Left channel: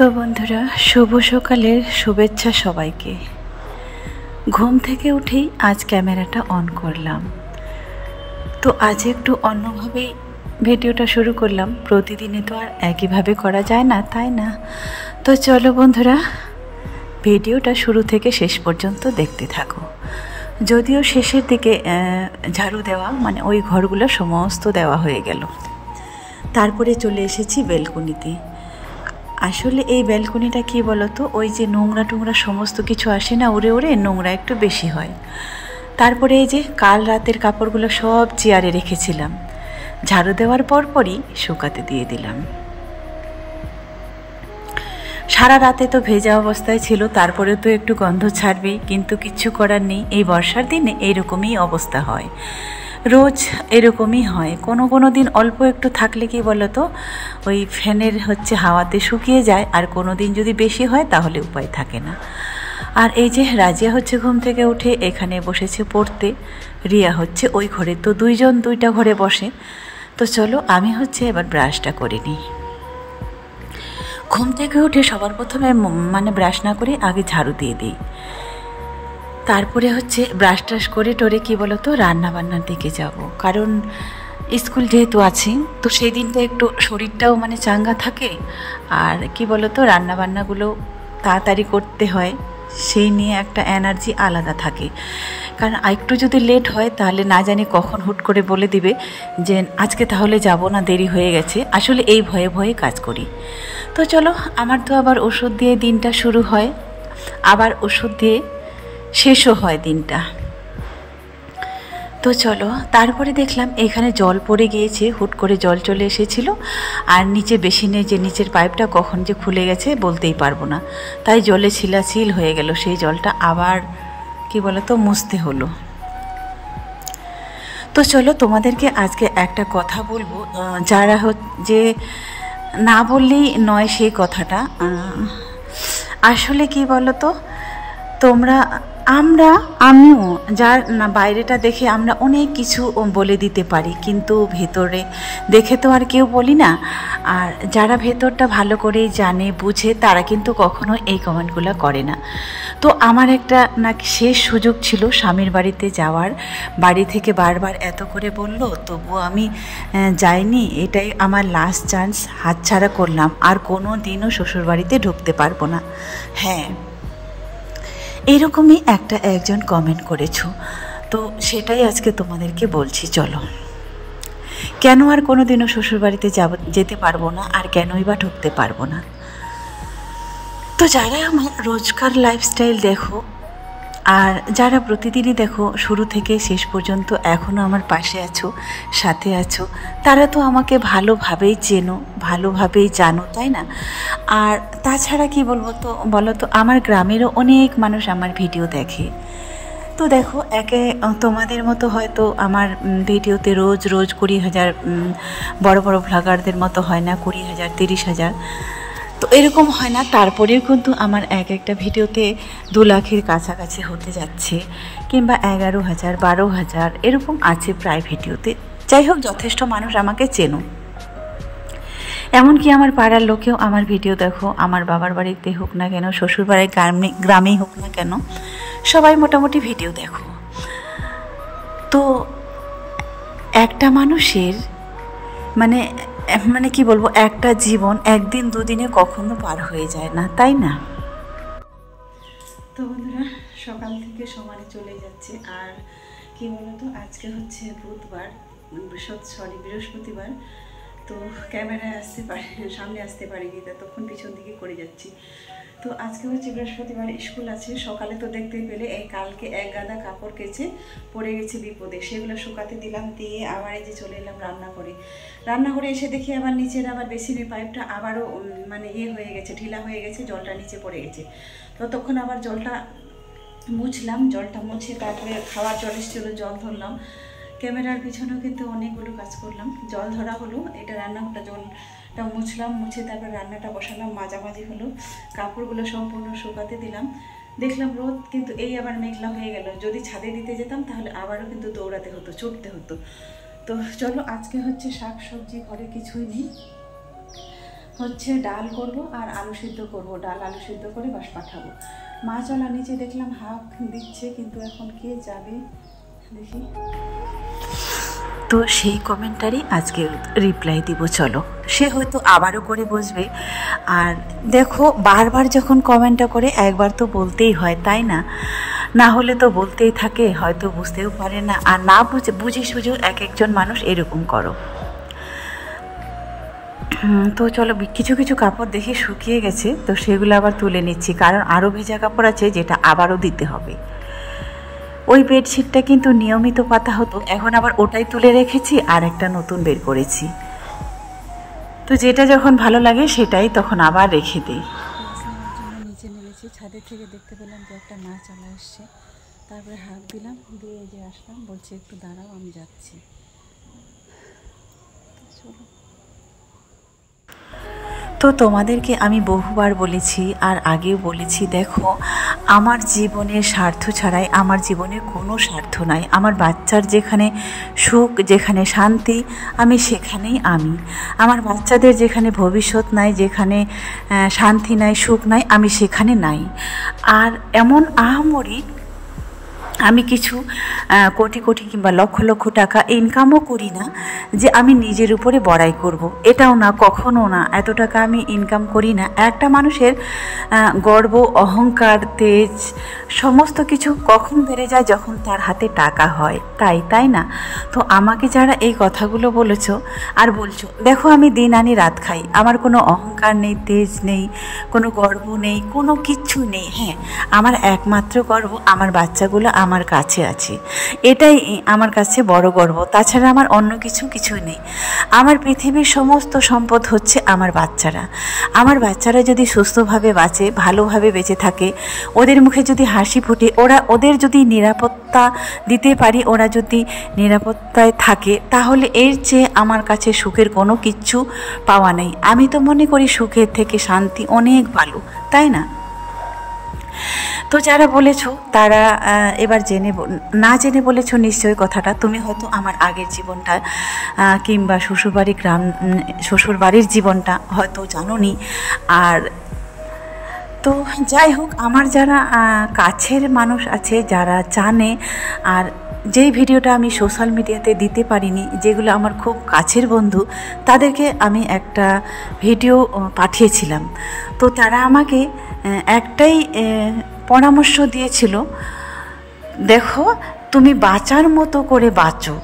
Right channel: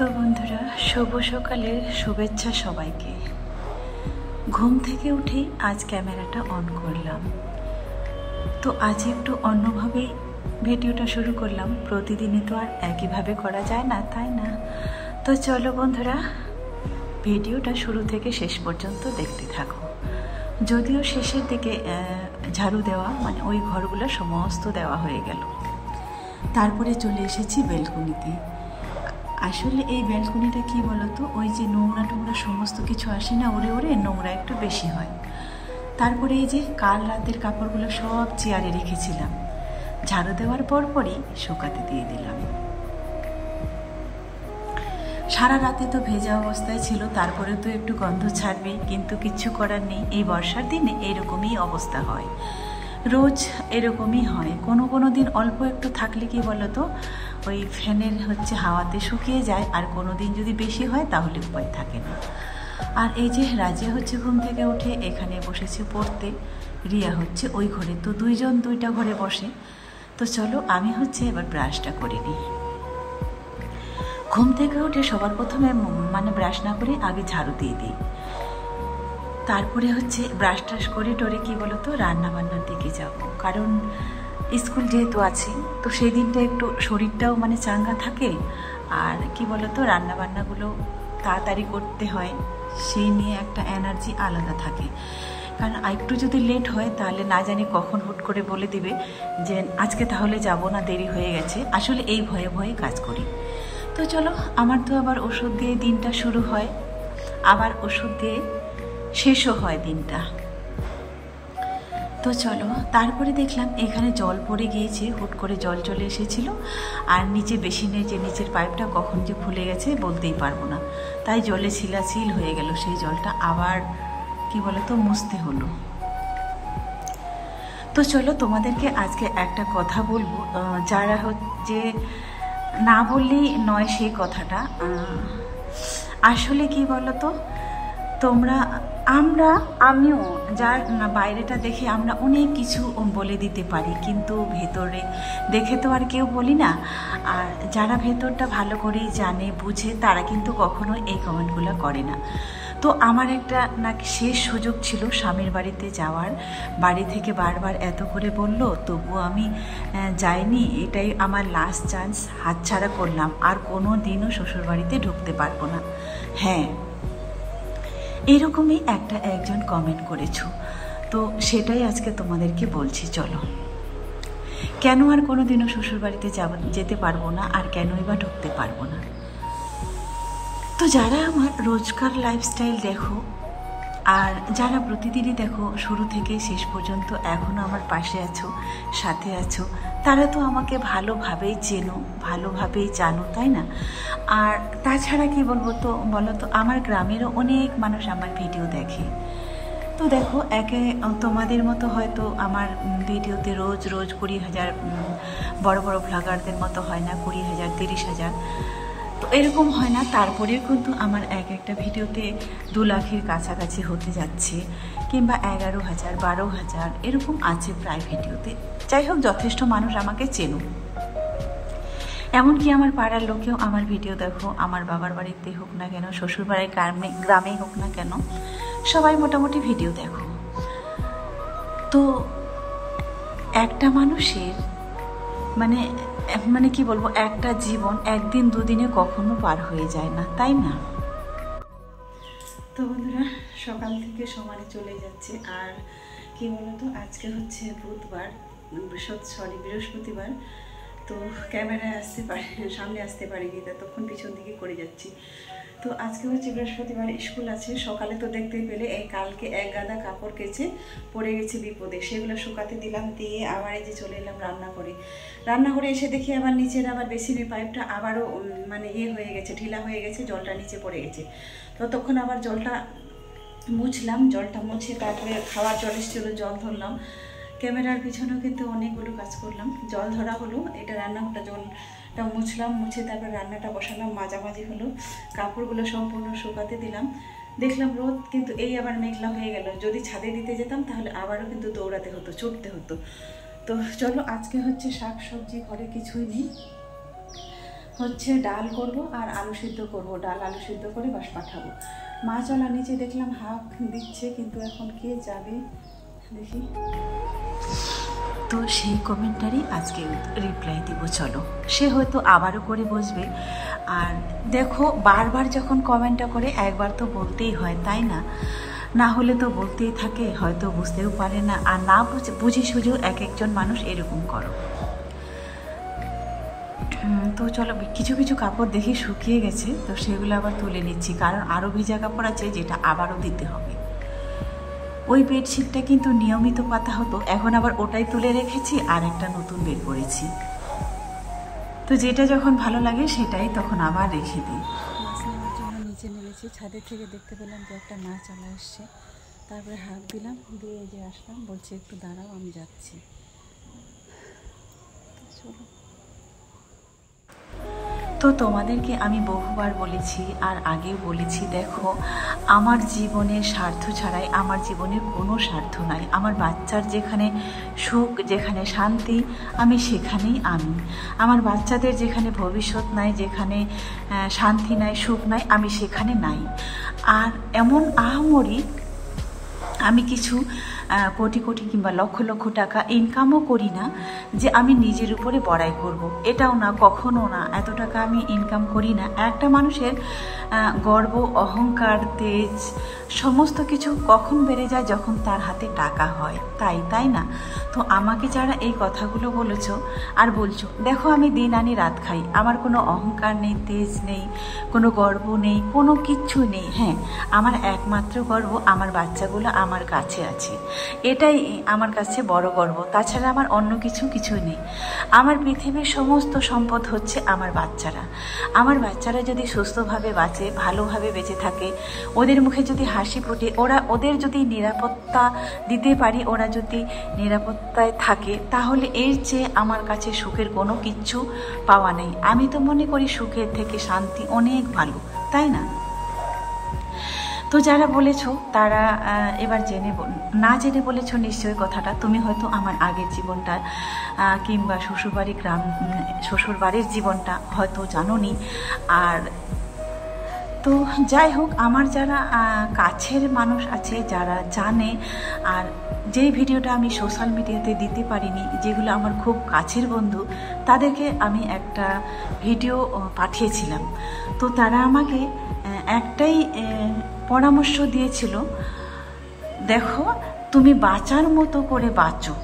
তো বন্ধুরা, শুভ সকালের শুভেচ্ছা সবাইকে। ঘুম থেকে উঠেই আজ ক্যামেরাটা অন করলাম। তো আজ একটু অন্যভাবে ভিডিওটা শুরু করলাম। প্রতিদিনই তো আর একইভাবে করা যায় না, তাই না? তো চলো বন্ধুরা, ভিডিওটা শুরু থেকে শেষ পর্যন্ত দেখতে থাকো। যদিও শেষের দিকে ঝাড়ু দেওয়া মানে ওই ঘরগুলো সমস্ত দেওয়া হয়ে গেল। তারপরে চলে এসেছি ব্যালকনিতে। আসলে এই ব্যালকনিটা কী বলতো, ওই যে নোংরা টোংরা সমস্ত কিছু আসে না, উড়ে উড়ে নোংরা একটু বেশি হয়। তারপরে এই যে কাল রাতের কাপড়গুলো সব চেয়ারে রেখেছিলাম, ঝাড়ু দেওয়ার পরপরই শুকাতে দিয়ে দিলাম। সারা রাতে তো ভেজা অবস্থায় ছিল, তারপরে তো একটু গন্ধ ছাড়বেই, কিন্তু কিচ্ছু করার নেই। এই বর্ষার দিনে এরকমই অবস্থা হয়, রোজ এরকমই হয়। কোনো দিন অল্প একটু থাকলে কি বলতো, ওই ফ্যানের হাওয়াতে শুকিয়ে যায়, আর কোনো দিন যদি বেশি হয় তাহলে উপায় থাকে না। আর এই যে রাজিয়া ঘুম থেকে উঠে এখানে বসেছে পড়তে, রিয়া ওই ঘরে। তো দুইজন দুইটা ঘরে বসে। তো চলো আমি এবার ব্রাশটা করে নিই। ঘুম থেকে উঠে সবার প্রথমে ব্রাশ না করে আগে ঝাড়ু দিয়ে দিই। তারপরে ব্রাশ ট্রাশ করে টোরে কি বলতো রান্নাবান্নার দিকে যাব, কারণ স্কুল যেহেতু আছে, তো সেই দিনটা একটু শরীরটাও চাঙ্গা থাকে। আর কি বলতো রান্নাবান্নাগুলো তাড়াতাড়ি করতে হয়, সেই নিয়ে একটা এনার্জি আলাদা থাকে। কারণ একটু যদি লেট হয় তাহলে না জানি কখন হুট করে বলে দিবে যে আজকে তাহলে যাব না, দেরি হয়ে গেছে। আসলে এই ভয়ে ভয়ে কাজ করি। তো চলো, আমার তো আবার ওষুধ দিয়ে দিনটা শুরু হয়, আবার ওষুধ দিয়ে শেষও হয় দিনটা। তো চলো, তারপরে দেখলাম এখানে জল পড়ে গিয়েছে, হুট করে জল চলে এসেছিল। আর নিচে বেসিনের যে নিচের পাইপটা কখন যে খুলে গেছে বলতেই পারবো না, তাই জলে ছিলাছিল হয়ে গেল। সেই জলটা আবার কি বলতো মুছতে হলো। তো চলো, তোমাদেরকে আজকে একটা কথা বলবো, যারা যে না বললেই নয় সেই কথাটা। আসলে কি বলতো, আমিও যার না বাইরেটা দেখে আমরা অনেক কিছু বলে দিতে পারি, কিন্তু ভেতরে দেখে তো আর কেউ বলি না। আর যারা ভেতরটা ভালো করে জানে বুঝে, তারা কিন্তু কখনো এই কমেন্টগুলো করে না। তো আমার একটা নাকি শেষ সুযোগ ছিল স্বামীর বাড়িতে যাওয়ার। বাড়ি থেকে বারবার এত করে বলল, তবুও আমি যাইনি। এটাই আমার লাস্ট চান্স, হাতছাড়া করলাম। আর কোনো দিনও শ্বশুরবাড়িতে ঢুকতে পারবো না। হ্যাঁ, এরকমই একজন কমেন্ট করেছো, তো সেটাই আজকে তোমাদেরকে বলছি। চলো, কেন আর কোনো দিনও শ্বশুরবাড়িতে যেতে পারবো না, আর কেনই বা ঢুকতে পারবো না। তো যারা আমার রোজকার লাইফস্টাইল দেখো, আর যারা প্রতিদিনই দেখো শুরু থেকে শেষ পর্যন্ত এখনও আমার পাশে আছো, সাথে আছো, তারা তো আমাকে ভালোভাবেই চেনো, ভালোভাবেই জানো, তাই না? আর তাছাড়া কি বলো তো আমার গ্রামেরও অনেক মানুষ আমার ভিডিও দেখে। তো দেখো, তোমাদের মতো হয়তো আমার ভিডিওতে রোজ 20,000 বড় বড় ভ্লগারদের মতো হয় না, 20,000 30,000, তো এরকম হয় না। তারপরেও কিন্তু আমার একটা ভিডিওতে 2 লাখের কাছাকাছি হতে যাচ্ছে, কিংবা 11,000 12,000 এরকম আছে প্রায় ভিডিওতে। যাই হোক, যথেষ্ট মানুষ আমাকে চেনো। এমনকি আমার পাড়ার লোকেও আমার ভিডিও দেখো, আমার বাবার বাড়িতে হোক না কেন, শ্বশুর বাড়ির গ্রামেই হোক না কেন, সবাই মোটামুটি ভিডিও দেখো। তো একটা মানুষের মানে কি বলবো, একটা জীবন একদিন দুদিনে কখনো পার হয়ে যায় না, তাই না? তো বন্ধুরা, সকাল থেকে সমানে চলে যাচ্ছে। আর কি বলতো, আজকে বুধবার, বৃহস্পতিবার। তো ক্যামেরায় সামনে আসতে পারিনি, তখন পিছন দিকে করে যাচ্ছি। তো আজকে বৃহস্পতিবার, স্কুল আছে। সকালে তো দেখতেই পেলে এই কালকে এক গাদা কাপড় কেচে পড়ে গেছে বিপদে, সেগুলো শুকাতে দিলাম, দিয়ে আবার এই যে চলে এলাম রান্নাঘরে এসে দেখি আবার নিচের আবার বেসিনের পাইপটা আবারও হয়ে গেছে, ঢিলা হয়ে গেছে, জলটা নিচে পড়ে গেছে। তো তখন আবার জলটা মুছলাম, জলটা মুছে তারপরে খাওয়ার জল এসেছিল, জল ধরলাম। ক্যামেরার পিছনেও কিন্তু অনেকগুলো কাজ করলাম। জল ধরা হলো, এটা রান্নাঘরটা জলটা মুছলাম, মুছে তারপর রান্নাটা বসালাম, মাঝামাঝি হলো, কাপড়গুলো সম্পূর্ণ শুকাতে দিলাম। দেখলাম রোদ, কিন্তু এই আবার মেঘলা হয়ে গেল। যদি ছাদে দিতে যেতাম তাহলে আবারও কিন্তু দৌড়াতে হতো, ছুটতে হতো। তো চলো, আজকে শাক সবজি ঘরে কিছুই নেই। হচ্ছে ডাল করব আর আলু সিদ্ধ করব, ডাল আলু সিদ্ধ করে বাস পাঠাবো। মা চলা নিচে দেখলাম হাঁক দিচ্ছে, কিন্তু এখন কে যাবে দেখি। তো সেই কমেন্টারই আজকে রিপ্লাই দিব, চলো। সে হয়তো আবারও করে বসবে। আর দেখো, বারবার যখন কমেন্টটা করে একবার তো বলতেই হয়, তাই না? না হলে তো বলতেই থাকে, হয়তো বুঝতেও পারে না। আর না বুঝি সুঝে এক একজন মানুষ এরকম করো। তো চলো, কিছু কিছু কাপড় দেখি শুকিয়ে গেছে, তো সেগুলো আবার তুলে নিচ্ছি, কারণ আরও ভেজা কাপড় আছে যেটা আবারও দিতে হবে। ওই বেডশিটটা কিন্তু নিয়মিত পাতা হতো, এখন আবার ওটাই তুলে রেখেছি আর একটা নতুন বের করেছি। তো যেটা যখন ভালো লাগে সেটাই তখন আবার রেখে দিই। মাছ নেওয়ার জন্য নিচে নেমেছি, ছাদের থেকে দেখতে পেলাম যে একটা মাছ চলে আসছে, তারপরে হাঁক দিলাম, দিয়ে যে আসলাম, বলছে একটু দাঁড়াও আমি যাচ্ছি। চলো। তো তোমাদেরকে আমি বহুবার বলেছি আর আগেও বলেছি, দেখো আমার জীবনের স্বার্থ ছাড়াই আমার জীবনে কোনো স্বার্থ নাই। আমার বাচ্চার যেখানে সুখ, যেখানে শান্তি, আমি সেখানেই আমি। আমার বাচ্চাদের যেখানে ভবিষ্যৎ নাই, যেখানে শান্তি নাই, সুখ নাই, আমি সেখানে নাই। আর এমন আহামরি আমি কিছু কোটি কোটি কিংবা লক্ষ লক্ষ টাকা ইনকামও করি না যে আমি নিজের উপরে বড়াই করব। এটাও না, কখনো না। এত টাকা আমি ইনকাম করি না। একটা মানুষের গর্ব, অহংকার, তেজ সমস্ত কিছু কখন বেড়ে যায়? যখন তার হাতে টাকা হয়, তাই না? তো আমাকে যারা এই কথাগুলো বলেছ আর বলছো, দেখো আমি দিন আনি রাত খাই, আমার কোনো অহংকার নেই, তেজ নেই, কোনো গর্ব নেই, কোনো কিচ্ছু নেই। হ্যাঁ, আমার একমাত্র গর্ব আমার বাচ্চাগুলো আমার কাছে আছে, এটাই আমার কাছে বড় গর্ব। তাছাড়া আমার অন্য কিছুই নেই। আমার পৃথিবীর সমস্ত সম্পদ হচ্ছে আমার বাচ্চারা। আমার বাচ্চারা যদি সুস্থভাবে বাঁচে, ভালোভাবে বেঁচে থাকে, ওদের মুখে যদি হাসি ফোটে, ওদের যদি নিরাপত্তা দিতে পারি, ওরা যদি নিরাপত্তায় থাকে, তাহলে এর চেয়ে আমার কাছে সুখের কোনো কিচ্ছু পাওয়া নেই। আমি তো মনে করি সুখের থেকে শান্তি অনেক ভালো, তাই না? তো যারা বলেছো তারা এবার না জেনে বলেছো নিশ্চয়ই কথাটা। তুমি হয়তো আমার আগের জীবনটা কিংবা শ্বশুরবাড়ির জীবনটা হয়তো জানোনি। আর তো যাই হোক, আমার যারা কাছের মানুষ আছে, যারা জানে, আর যেই ভিডিওটা আমি সোশ্যাল মিডিয়াতে দিতে পারিনি, যেগুলো আমার খুব কাছের বন্ধু, তাদেরকে আমি একটা ভিডিও পাঠিয়েছিলাম। তো তারা আমাকে একটাই পরামর্শ দিয়েছিল, দেখো তুমি বাঁচার মতো করে বাঁচো।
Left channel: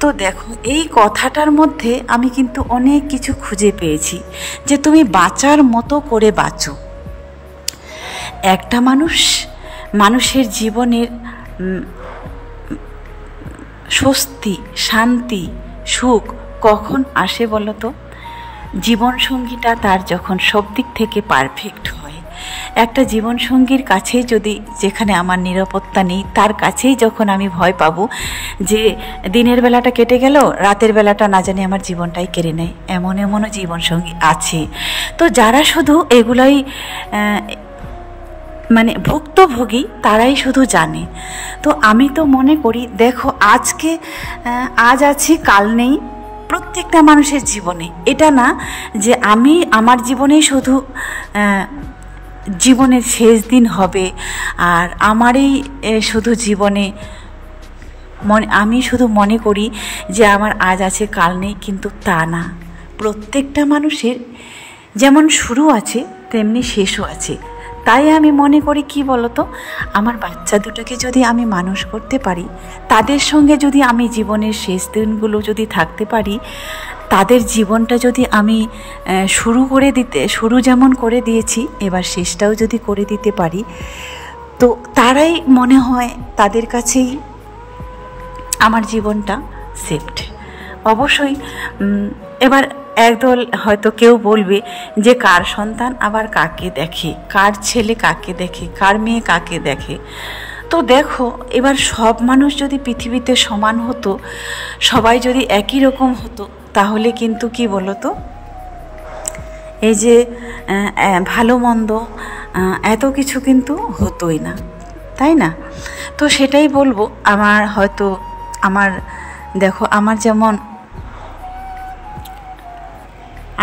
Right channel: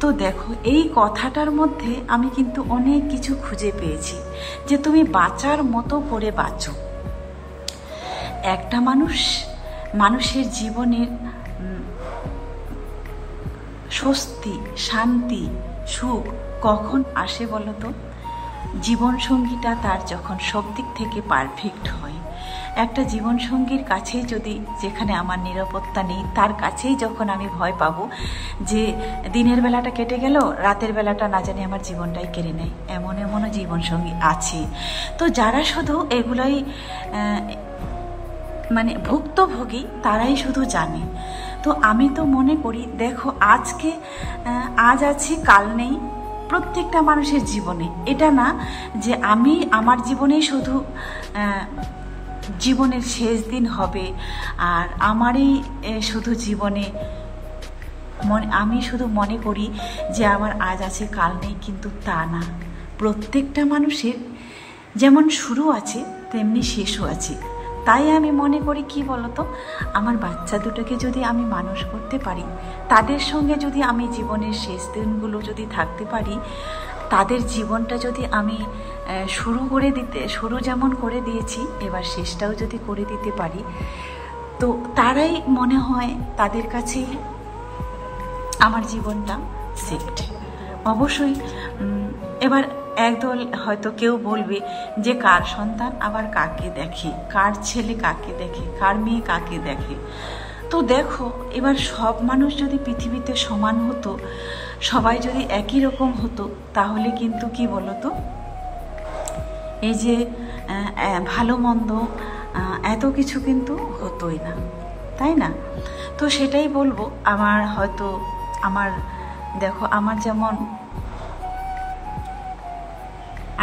তো দেখো, এই কথাটার মধ্যে আমি কিন্তু অনেক কিছু খুঁজে পেয়েছি, যে তুমি বাঁচার মতো করে বাঁচো। একটা মানুষের জীবনের স্বস্তি, শান্তি, সুখ কখন আসে বলো তো? জীবনসঙ্গীটা তার যখন সব দিক থেকে পারফেক্ট হয়। একটা জীবনসঙ্গীর কাছে যদি, যেখানে আমার নিরাপত্তা নেই, তার কাছেই যখন আমি ভয় পাবো যে দিনের বেলাটা কেটে গেল, রাতের বেলাটা না জানি আমার জীবনটাই কেড়ে নেয়, এমনও জীবনসঙ্গী আছে। তো যারা শুধু এগুলাই মানে ভুক্তভোগী, তারাই শুধু জানে। তো আমি তো মনে করি, দেখো আজ আছি কাল নেই, প্রত্যেকটা মানুষের জীবনে। এটা না যে আমি আমার জীবনেই শুধু জীবনের শেষ দিন হবে আর আমারই শুধু জীবনে আমি শুধু মনে করি যে আমার আজ আছে কাল নেই, কিন্তু তা না। প্রত্যেকটা মানুষের যেমন শুরু আছে তেমনি শেষও আছে। তাই আমি মনে করি, কি বলতো, আমার বাচ্চা দুটোকে যদি আমি মানুষ করতে পারি, তাদের সঙ্গে যদি আমি জীবনের শেষ দিনগুলো যদি থাকতে পারি, তাদের জীবনটা যদি আমি শুরু যেমন করে দিয়েছি, এবার শেষটাও যদি করে দিতে পারি, তো তারাই মনে হয় তাদের কাছেই আমার জীবনটা সেফট। অবশ্যই এবার একদল হয়তো কেউ বলবে যে কার সন্তান আবার কাকে দেখে, কার ছেলে কাকে দেখে, কার মেয়ে কাকে দেখে। তো দেখো, এবার সব মানুষ যদি পৃথিবীতে সমান হতো, সবাই যদি একই রকম হতো, তাহলে কিন্তু কি বলতো, এই যে ভালো মন্দ এত কিছু কিন্তু হতোই না, তাই না? তো সেটাই বলবো। দেখো, আমার যেমন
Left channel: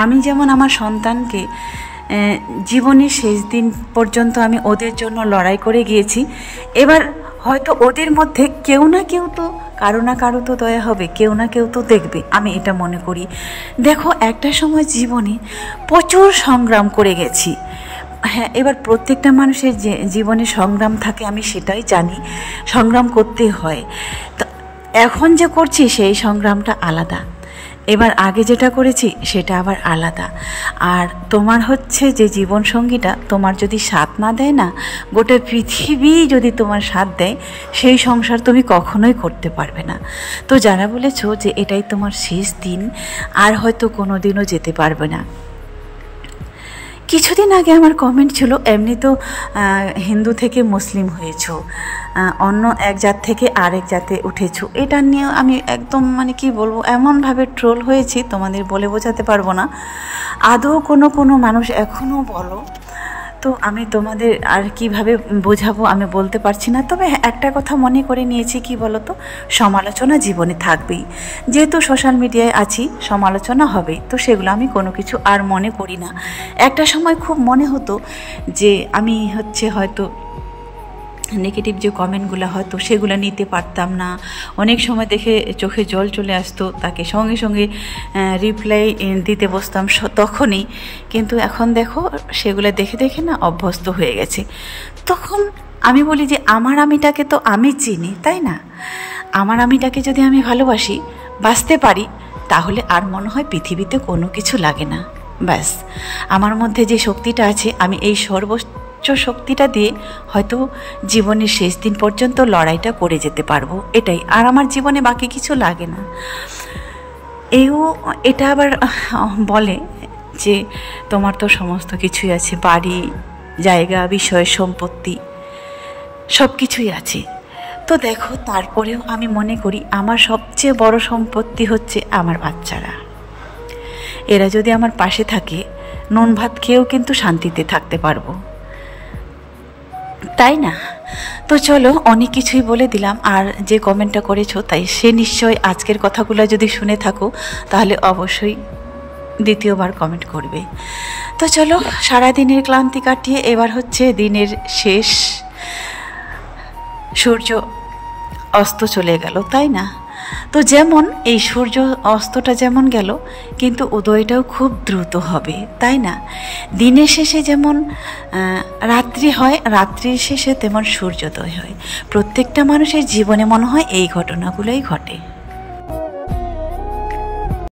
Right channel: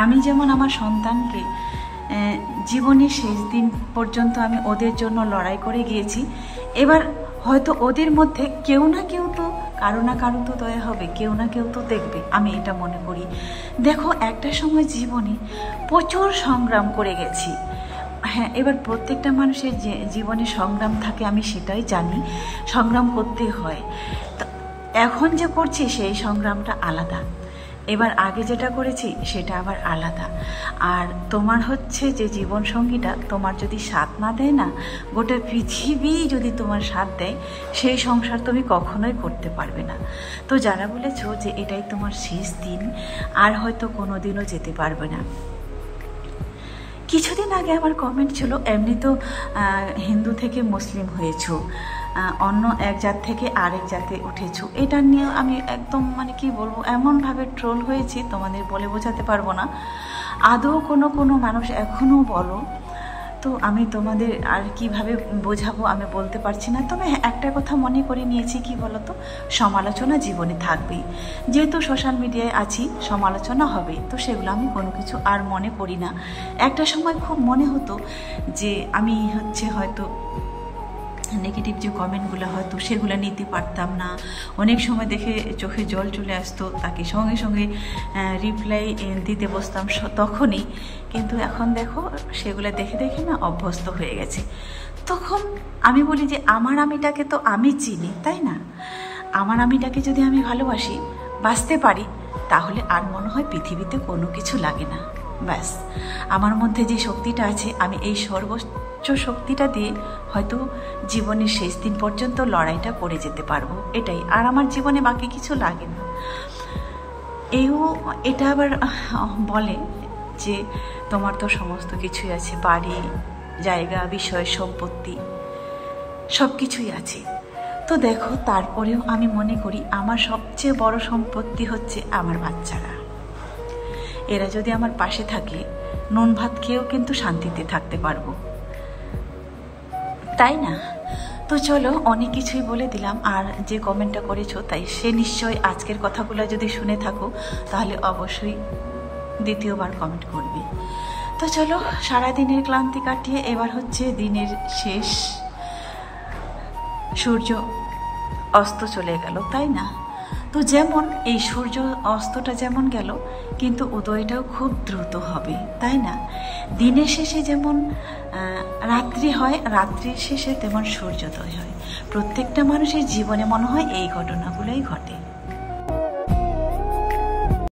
আমি যেমন আমার সন্তানকে জীবনের শেষ দিন পর্যন্ত আমি ওদের জন্য লড়াই করে গিয়েছি, এবার হয়তো ওদের মধ্যে কেউ না কেউ তো কারো না কারো তো দয়া হবে, কেউ না কেউ তো দেখবে, আমি এটা মনে করি। দেখো, একটা সময় জীবনে প্রচুর সংগ্রাম করে গেছি। হ্যাঁ, এবার প্রত্যেকটা মানুষের যে জীবনে সংগ্রাম থাকে আমি সেটাই জানি, সংগ্রাম করতে হয়। তো এখন যে করছি সেই সংগ্রামটা আলাদা, এবার আগে যেটা করেছি সেটা আবার আলাদা। আর তোমার হচ্ছে যে জীবনসঙ্গীটা তোমার যদি সাথ না দেয় না, গোটা পৃথিবী যদি তোমার সাথ দেয়, সেই সংসার তুমি কখনোই করতে পারবে না। তো যারা বলেছো যে এটাই তোমার শেষ দিন, আর হয়তো কোনো দিনও যেতে পারবে না, কিছুদিন আগে আমার কমেন্ট ছিল এমনি তো হিন্দু থেকে মুসলিম হয়েছো, অন্য এক জাত থেকে আরেক জাতে উঠেছো, এটা নিয়ে আমি একদম মানে কি বলবো, এমনভাবে ট্রোল হয়েছি তোমাদের বলে বোঝাতে পারবো না। আদৌ কোনো মানুষ এখনও বলো, তো আমি তোমাদের আর কিভাবে বোঝাবো আমি বলতে পারছি না। তবে একটা কথা মনে করে নিয়েছি, কি বলো তো, সমালোচনা জীবনে থাকবেই, যেহেতু সোশ্যাল মিডিয়ায় আছি সমালোচনা হবে, তো সেগুলো আমি কোনো কিছু আর মনে করি না। একটা সময় খুব মনে হতো যে আমি হয়তো নেগেটিভ যে কমেন্টগুলো হয়তো সেগুলো নিতে পারতাম না, অনেক সময় দেখে চোখে জল চলে আসতো, তাকে সঙ্গে সঙ্গে রিপ্লাই দিতে বসতাম তখনই। কিন্তু এখন দেখো সেগুলো দেখে দেখে না অভ্যস্ত হয়ে গেছে। তখন আমি বলি যে আমার আমিটাকে তো আমি চিনি, তাই না? আমার আমিটাকে যদি আমি ভালোবাসি, বাঁচতে পারি, তাহলে আর মনে হয় পৃথিবীতে কোনো কিছু লাগে না। ব্যাস, আমার মধ্যে যে শক্তিটা আছে, আমি এই সর্বোচ্চ শক্তিটা দিয়ে হয়তো জীবনের শেষ দিন পর্যন্ত লড়াইটা করে যেতে পারবো, এটাই। আর আমার জীবনে বাকি কিছু লাগে না। এটা আবার বলে যে তোমার তো সমস্ত কিছুই আছে, বাড়ি, জায়গা, বিষয়, সম্পত্তি, সব কিছুই আছে। তো দেখো, তারপরেও আমি মনে করি আমার সবচেয়ে বড় সম্পত্তি হচ্ছে আমার বাচ্চারা। এরা যদি আমার পাশে থাকে, নুন ভাত খেয়েও কিন্তু শান্তিতে থাকতে পারবো, তাই না? তো চলো, অনেক কিছুই বলে দিলাম। আর যে কমেন্টটা করেছো, তাই সে নিশ্চয় আজকের কথাগুলো যদি শুনে থাকো, তাহলে অবশ্যই দ্বিতীয়বার কমেন্ট করবে। তো চলো, সারাদিনের ক্লান্তি কাটিয়ে এবার হচ্ছে দিনের শেষ, সূর্য অস্ত চলে গেল, তাই না? তো যেমন এই সূর্য অস্তটা যেমন গেল, কিন্তু উদয়টাও খুব দ্রুত হবে, তাই না? দিনের শেষে যেমন রাত্রি হয়, রাত্রির শেষে তেমন সূর্যোদয় হয়। প্রত্যেকটা মানুষের জীবনে মনে হয় এই ঘটনাগুলোই ঘটে।